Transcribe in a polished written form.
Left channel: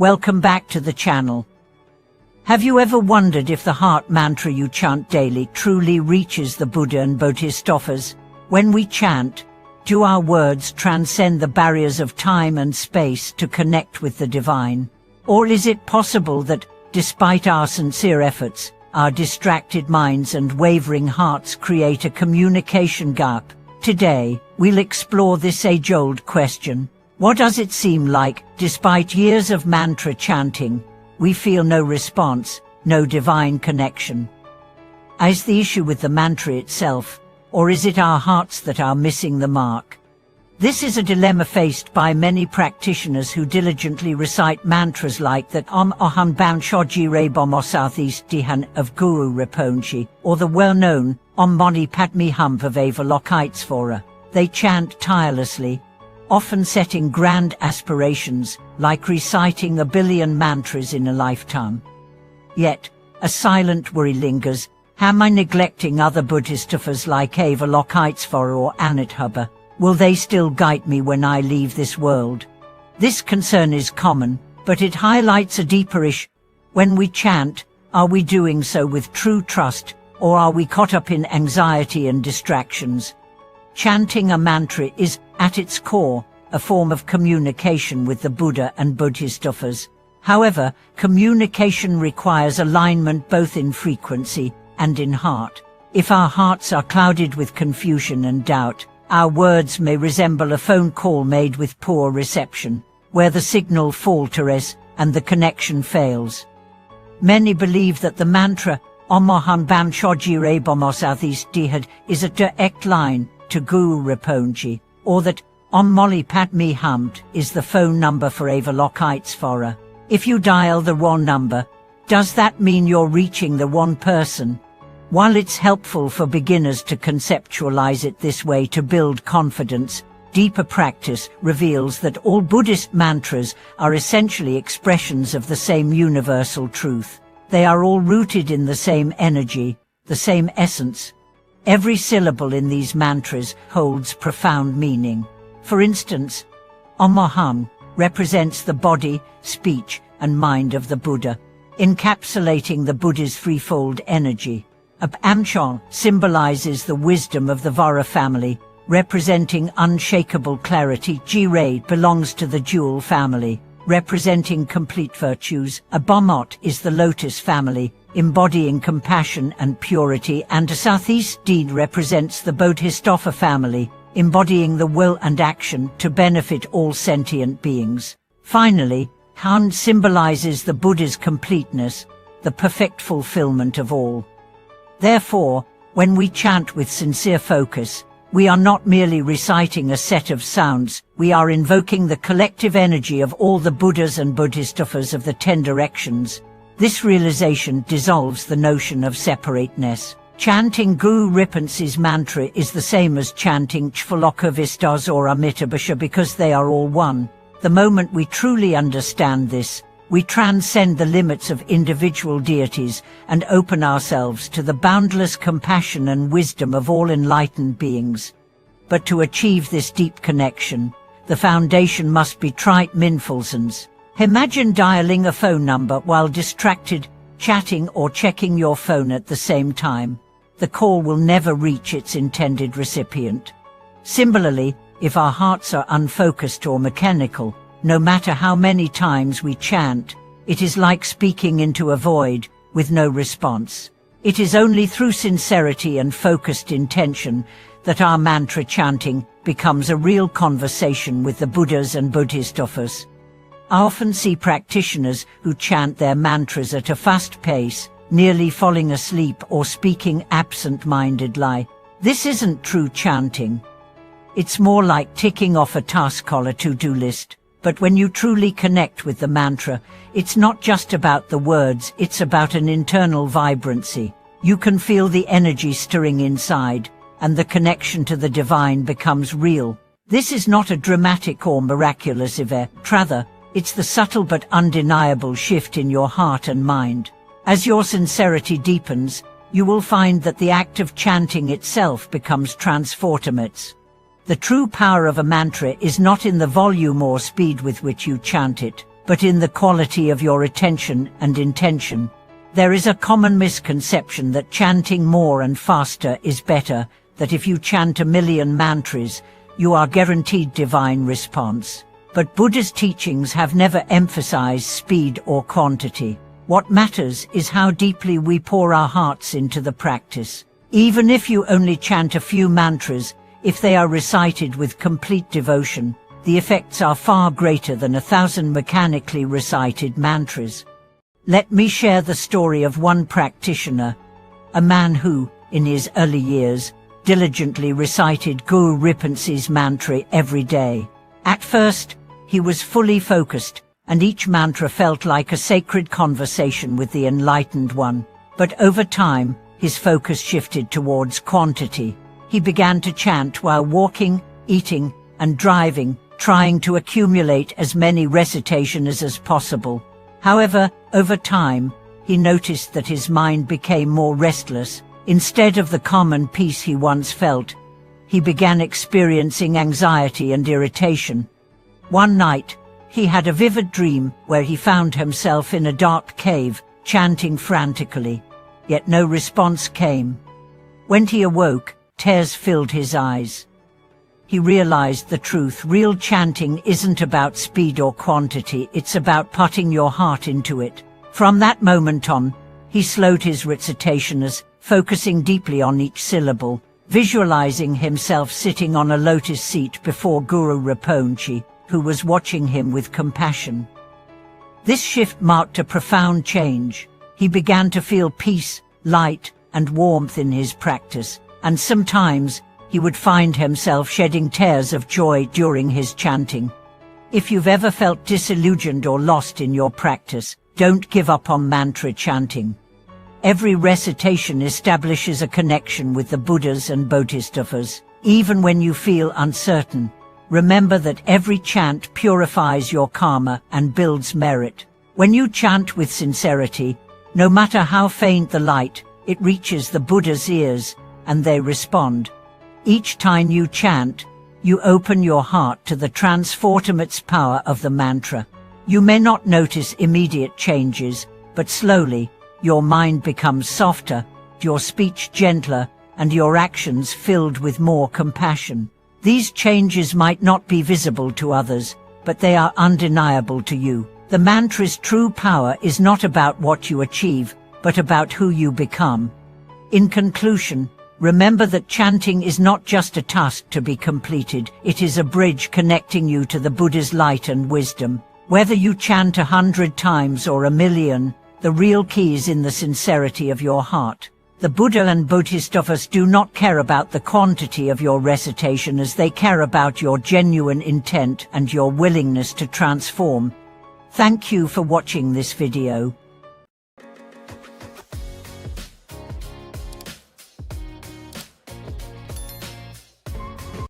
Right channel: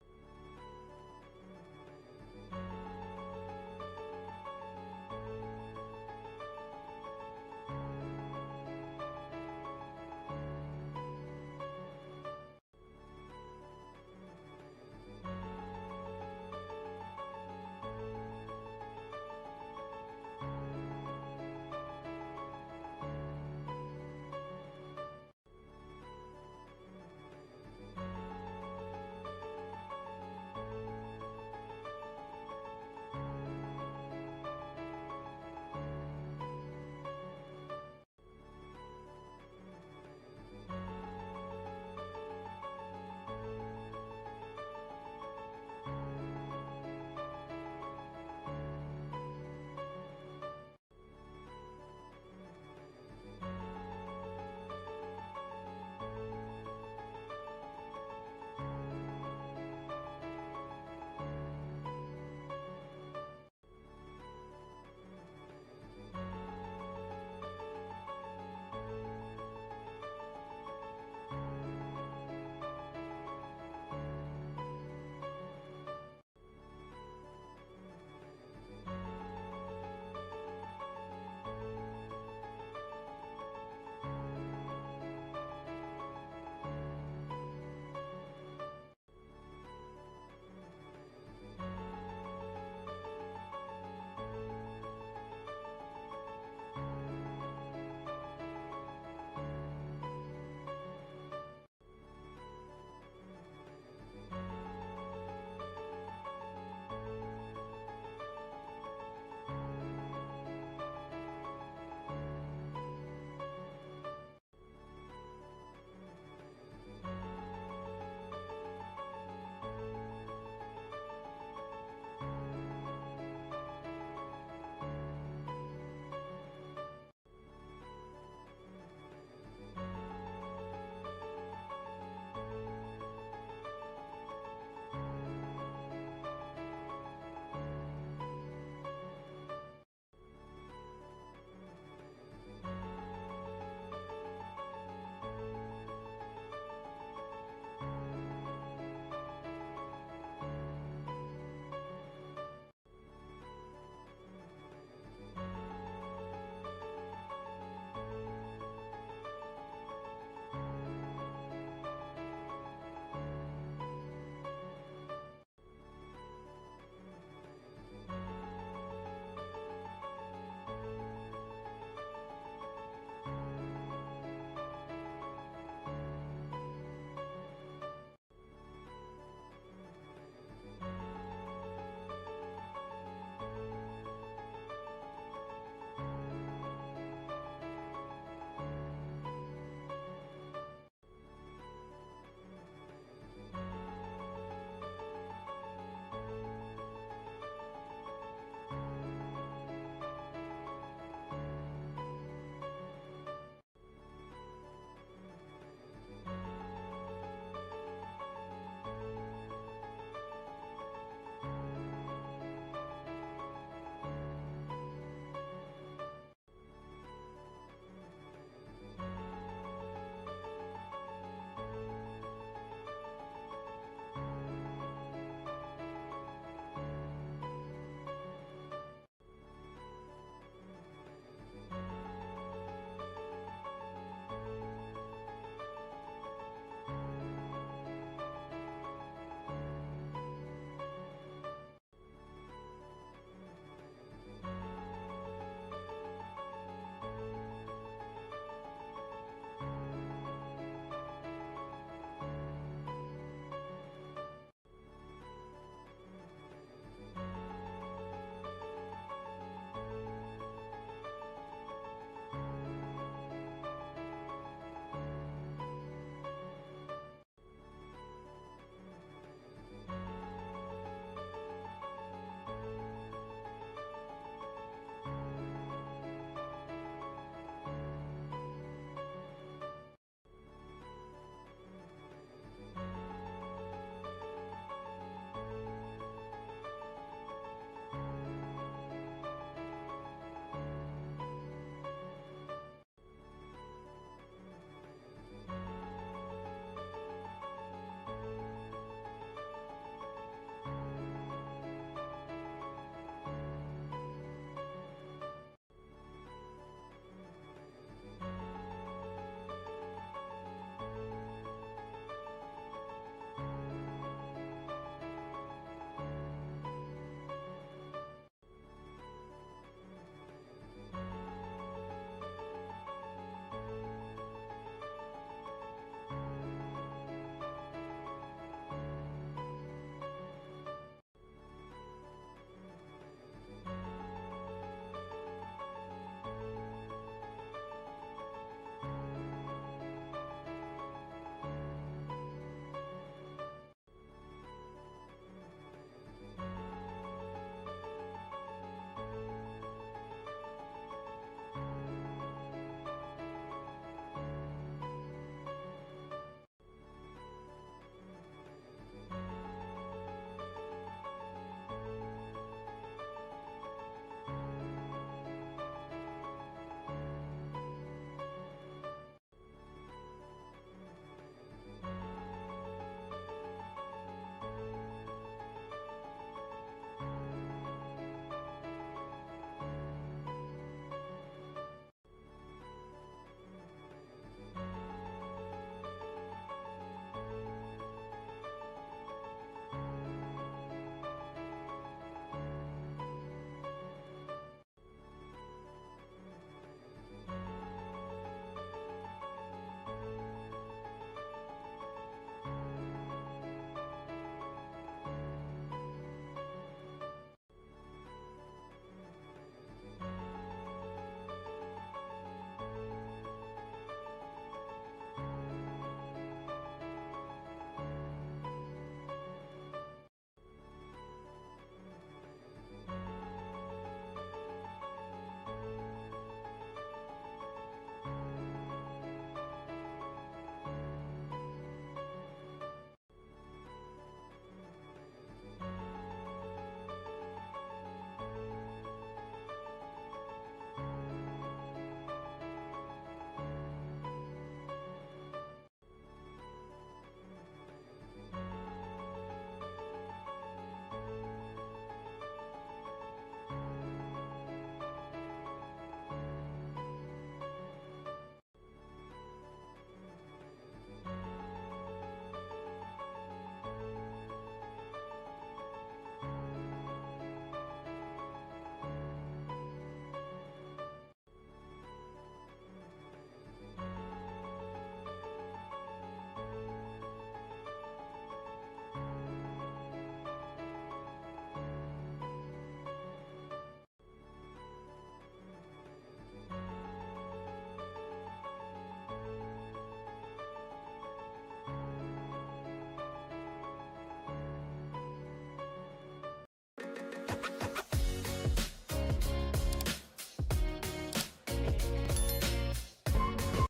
Welcome back to the channel. Have you ever wondered if the heart mantra you chant daily truly reaches the Buddha and Bodhisattvas? When we chant, do our words transcend the barriers of time and space to connect with the divine? Or is it possible that, despite our sincere efforts, our distracted minds and wavering hearts create a communication gap? Today, we'll explore this age-old question. What does it seem like, despite years of mantra chanting, we feel no response, no divine connection? Is the issue with the mantra itself, or is it our hearts that are missing the mark? This is a dilemma faced by many practitioners who diligently recite mantras like that Om Aham Bam Shoji Rebomo Southeast Dihan of Guru Rinpoche, or the well-known Om Mani Padme Hum of Avalokitesvara. They chant tirelessly, often setting grand aspirations, like reciting 1 billion mantras in a lifetime. Yet, a silent worry lingers. Am I neglecting other Bodhisattvas like Avalokitesvara or Anathapa? Will they still guide me when I leave this world? This concern is common, but it highlights a deeper issue. When we chant, are we doing so with true trust, or are we caught up in anxiety and distractions? Chanting a mantra is, at its core, a form of communication with the Buddha and Bodhisattvas. However, communication requires alignment both in frequency and in heart. If our hearts are clouded with confusion and doubt, our words may resemble a phone call made with poor reception, where the signal falters and the connection fails. Many believe that the mantra Om Aham Bam Shoji Rebomo Southeast Dihan is a direct line to Guru Rinpoche, or that Om Mani Padme Hum is the phone number for Avalokitesvara. If you dial the wrong number, does that mean you're reaching the wrong person? While it's helpful for beginners to conceptualize it this way to build confidence, deeper practice reveals that all Buddhist mantras are essentially expressions of the same universal truth. They are all rooted in the same energy, the same essence. Every syllable in these mantras holds profound meaning. For instance, Om Aham represents the body, speech, and mind of the Buddha, encapsulating the Buddha's threefold energy. Amchon symbolizes the wisdom of the Vara family, representing unshakable clarity. Jirei belongs to the Jewel family, representing complete virtues. Abomot is the Lotus family, embodying compassion and purity, and Southeast Deed represents the Bodhisattva family, embodying the will and action to benefit all sentient beings. Finally, Han symbolizes the Buddha's completeness, the perfect fulfillment of all. Therefore, when we chant with sincere focus, we are not merely reciting a set of sounds, we are invoking the collective energy of all the Buddhas and Bodhisattvas of the 10 directions. This realization dissolves the notion of separateness. Chanting Guru Rinpoche's mantra is the same as chanting Chvalokavistas or Amitabha because they are all one. The moment we truly understand this, we transcend the limits of individual deities and open ourselves to the boundless compassion and wisdom of all enlightened beings. But to achieve this deep connection, the foundation must be trite mindfulness. Imagine dialing a phone number while distracted, chatting or checking your phone at the same time. The call will never reach its intended recipient. Similarly, if our hearts are unfocused or mechanical, no matter how many times we chant, it is like speaking into a void, with no response. It is only through sincerity and focused intention that our mantra chanting becomes a real conversation with the Buddhas and Bodhisattvas. I often see practitioners who chant their mantras at a fast pace, nearly falling asleep or speaking absent-mindedly. This isn't true chanting. It's more like ticking off a task on a to-do list. But when you truly connect with the mantra, it's not just about the words, it's about an internal vibrancy. You can feel the energy stirring inside, and the connection to the divine becomes real. This is not a dramatic or miraculous event, rather, it's the subtle but undeniable shift in your heart and mind. As your sincerity deepens, you will find that the act of chanting itself becomes transformative. The true power of a mantra is not in the volume or speed with which you chant it, but in the quality of your attention and intention. There is a common misconception that chanting more and faster is better, that if you chant 1,000,000 mantras, you are guaranteed divine response. But Buddha's teachings have never emphasized speed or quantity. What matters is how deeply we pour our hearts into the practice. Even if you only chant a few mantras, if they are recited with complete devotion, the effects are far greater than 1,000 mechanically recited mantras. Let me share the story of one practitioner, a man who, in his early years, diligently recited Guru Rinpoche's mantra every day. At first, he was fully focused, and each mantra felt like a sacred conversation with the Enlightened One. But over time, his focus shifted towards quantity. He began to chant while walking, eating, and driving, trying to accumulate as many recitations as possible. However, over time, he noticed that his mind became more restless. Instead of the calm and peace he once felt, he began experiencing anxiety and irritation. One night, he had a vivid dream where he found himself in a dark cave, chanting frantically, yet no response came. When he awoke, tears filled his eyes. He realized the truth. Real chanting isn't about speed or quantity, it's about putting your heart into it. From that moment on, he slowed his recitations, focusing deeply on each syllable, visualizing himself sitting on a lotus seat before Guru Rinpoche, who was watching him with compassion. This shift marked a profound change. He began to feel peace, light, and warmth in his practice, and sometimes he would find himself shedding tears of joy during his chanting. If you've ever felt disillusioned or lost in your practice, don't give up on mantra chanting. Every recitation establishes a connection with the Buddhas and Bodhisattvas. Even when you feel uncertain, remember that every chant purifies your karma and builds merit. When you chant with sincerity, no matter how faint the light, it reaches the Buddha's ears, and they respond. Each time you chant, you open your heart to the transformative power of the mantra. You may not notice immediate changes, but slowly, your mind becomes softer, your speech gentler, and your actions filled with more compassion. These changes might not be visible to others, but they are undeniable to you. The mantra's true power is not about what you achieve, but about who you become. In conclusion, remember that chanting is not just a task to be completed, it is a bridge connecting you to the Buddha's light and wisdom. Whether you chant 100 times or 1,000,000, the real key is in the sincerity of your heart. The Buddha and Bodhisattvas do not care about the quantity of your recitation as they care about your genuine intent and your willingness to transform. Thank you for watching this video.